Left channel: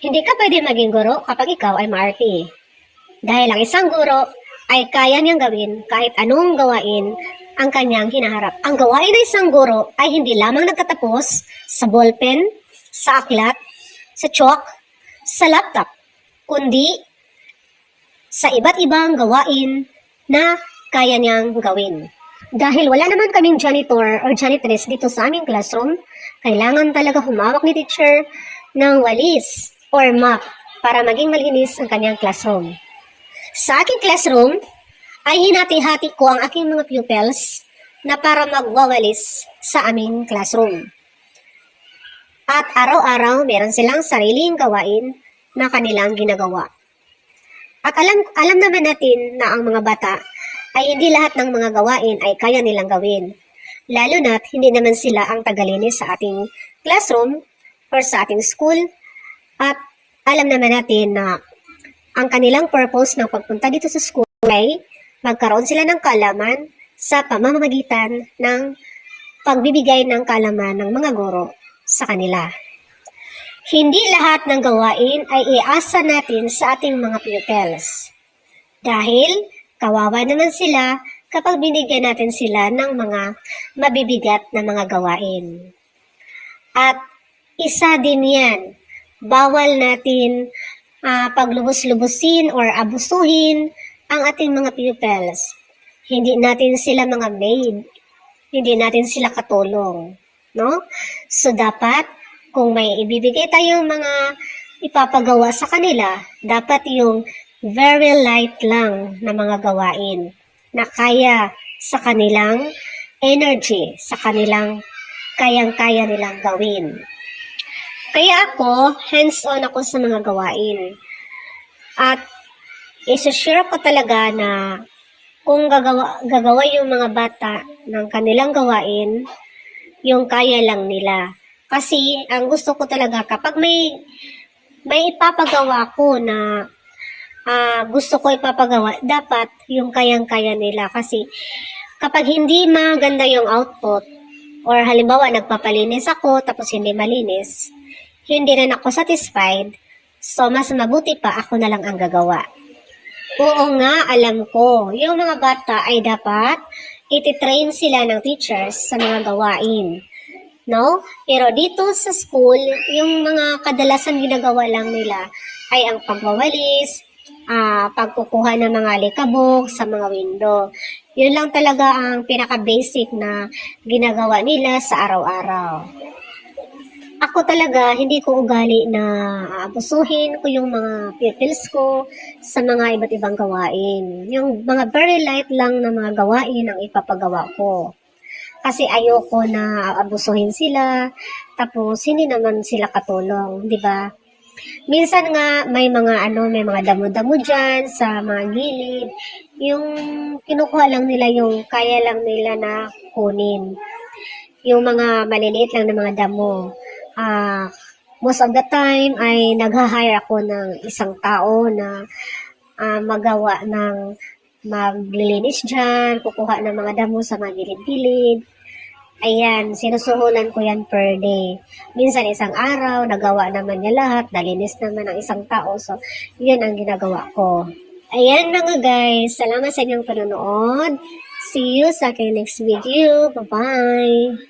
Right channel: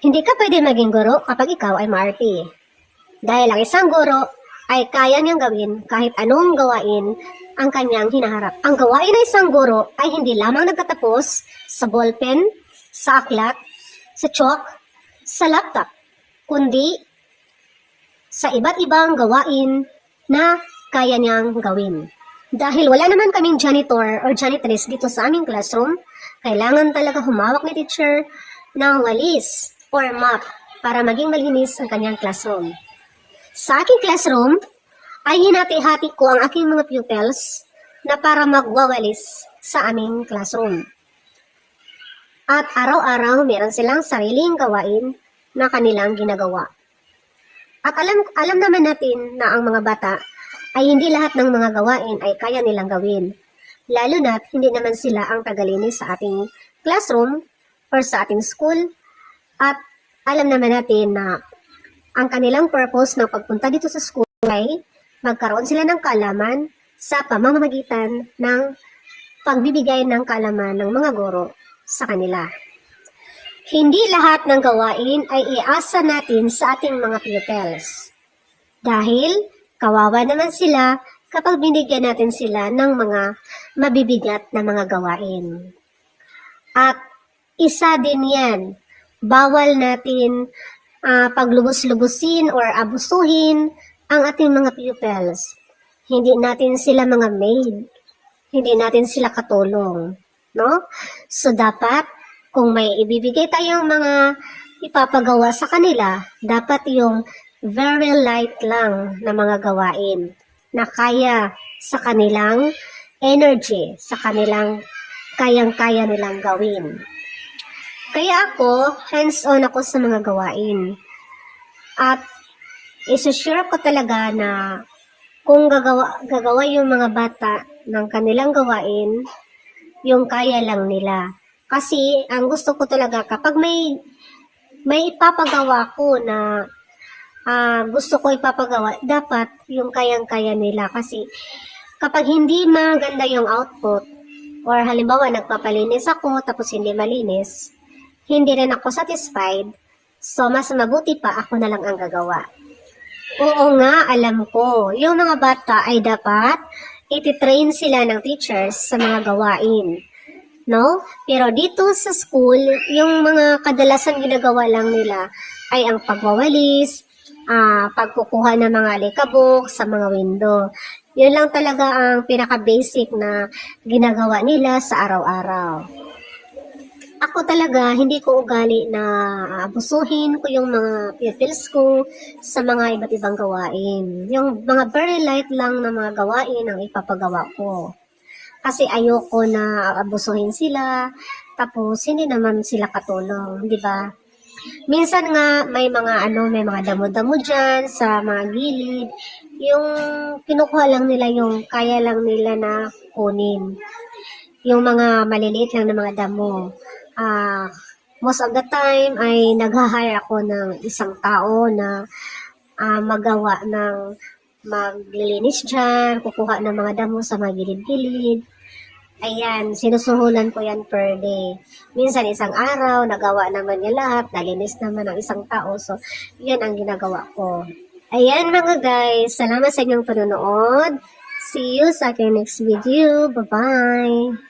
Hindi ka pwede maging guro kapag ikaw ay maarte. Dahil ang isang guro ay kaya niyang gawin kahit anong gawain ang kanyang hinaharap. Ang gawain ng isang guro ay hindi lamang nagtatapos sa ballpen, sa aklat, sa chalk, sa laptop, kundi sa iba't ibang gawain na kaya niyang gawin. Dahil wala naman kaming janitor or janitress dito sa aming classroom, kailangan talaga humawak ni teacher ng walis or mop para maging malinis ang kanyang classroom. Sa aking classroom, ay hinati-hati ko ang aking mga pupils na para magwawalis sa aming classroom. At araw-araw, meron silang sariling gawain na kanilang ginagawa. At alam naman natin na ang mga bata ay hindi lahat ng mga gawain ay kaya nilang gawin. Lalo na't hindi naman sila ang tagalinis sa ating classroom or sa ating school. At alam naman natin na ang kanilang purpose ng pagpunta dito sa school ay magkaroon sila ng kaalaman sa pamamagitan ng pagbibigay ng kaalaman ng mga guro sa kanila. Hindi lahat ng gawain ay iasa natin sa ating mga pupils. Dahil kawawa naman sila kapag binigyan natin sila ng mga mabibigat na mga gawain. At isa din yan, bawal natin paglubos-lubusin or abusuhin ang ating mga pupils. Hindi natin sila mga maid. Hindi natin sila katulong. No? So dapat, kung may ibibigay tayong mga ipapagawa sa kanila, dapat yung very light lang na mga gawain na kaya sa kanilang energy, sa kanilang kayang-kaya nilang gawin. Kaya ako, hands-on ako sa mga gawain. At isa-share ko talaga na kung gagawa yung mga bata ng kanilang gawain, yung kaya lang nila. Kasi ang gusto ko talaga kapag may ipapagawa ko na gusto ko ipapagawa, dapat yung kayang-kaya nila. Kasi kapag hindi maganda yung output, or halimbawa nagpapalinis ako tapos hindi malinis, hindi rin ako satisfied, so mas mabuti pa ako na lang ang gagawa. Oo nga, alam ko, yung mga bata ay dapat ititrain sila ng teachers sa mga gawain. No? Pero dito sa school, yung mga kadalasan ginagawa lang nila ay ang pagwawalis, pagkukuha ng mga likabok sa mga window. Yun lang talaga ang pinaka-basic na ginagawa nila sa araw-araw. Ako talaga, hindi ko ugali na abusuhin ko yung mga pupils ko sa mga iba't ibang gawain. Yung mga very light lang na mga gawain ang ipapagawa ko. Kasi ayoko na abusuhin sila, tapos hindi naman sila katulong, di ba? Minsan nga may mga damo-damo dyan sa mga gilid. Yung kinukuha lang nila yung kaya lang nila na kunin. Yung mga maliliit lang na mga damo. Most of the time ay nag-hire ako ng isang tao na magawa ng maglilinis dyan, kukuha ng mga damo sa mga gilid-gilid. Ayan, sinusuhulan ko yan per day. Minsan isang araw, nagawa naman niya lahat, nalinis naman ng isang tao. So, yan ang ginagawa ko. Ayan mga guys, salamat sa inyong panonood. See you sa aking next video. Bye-bye!